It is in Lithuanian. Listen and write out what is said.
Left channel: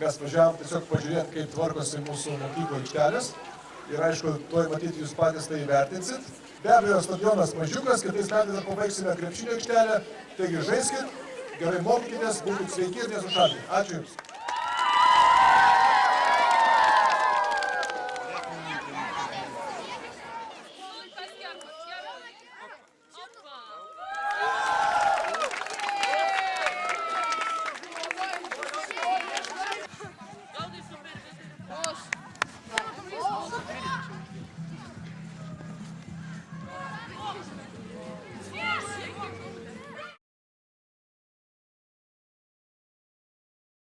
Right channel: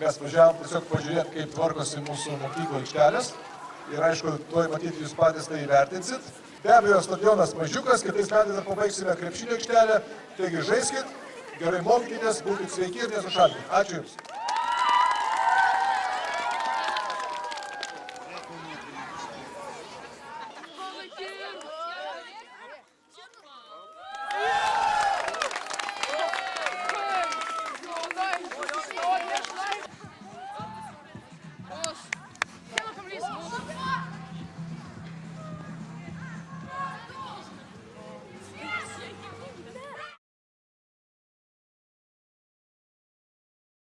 Mes važiavom tiesiog pažiūrėti, kaip tvarkosi mūsų mokyklo aikštelės. Ir aišku, tuoj matyti jūs patys tai įvertinsit. Be abejo, stadionas mažiukas, kitais metais dar pabaigsime krepšinio aikštelę. Taigi žaiskit, gerai mokykitės, būkit sveiki ir nesušalkit. Ačiū Jums. Kom eens. Kom eens.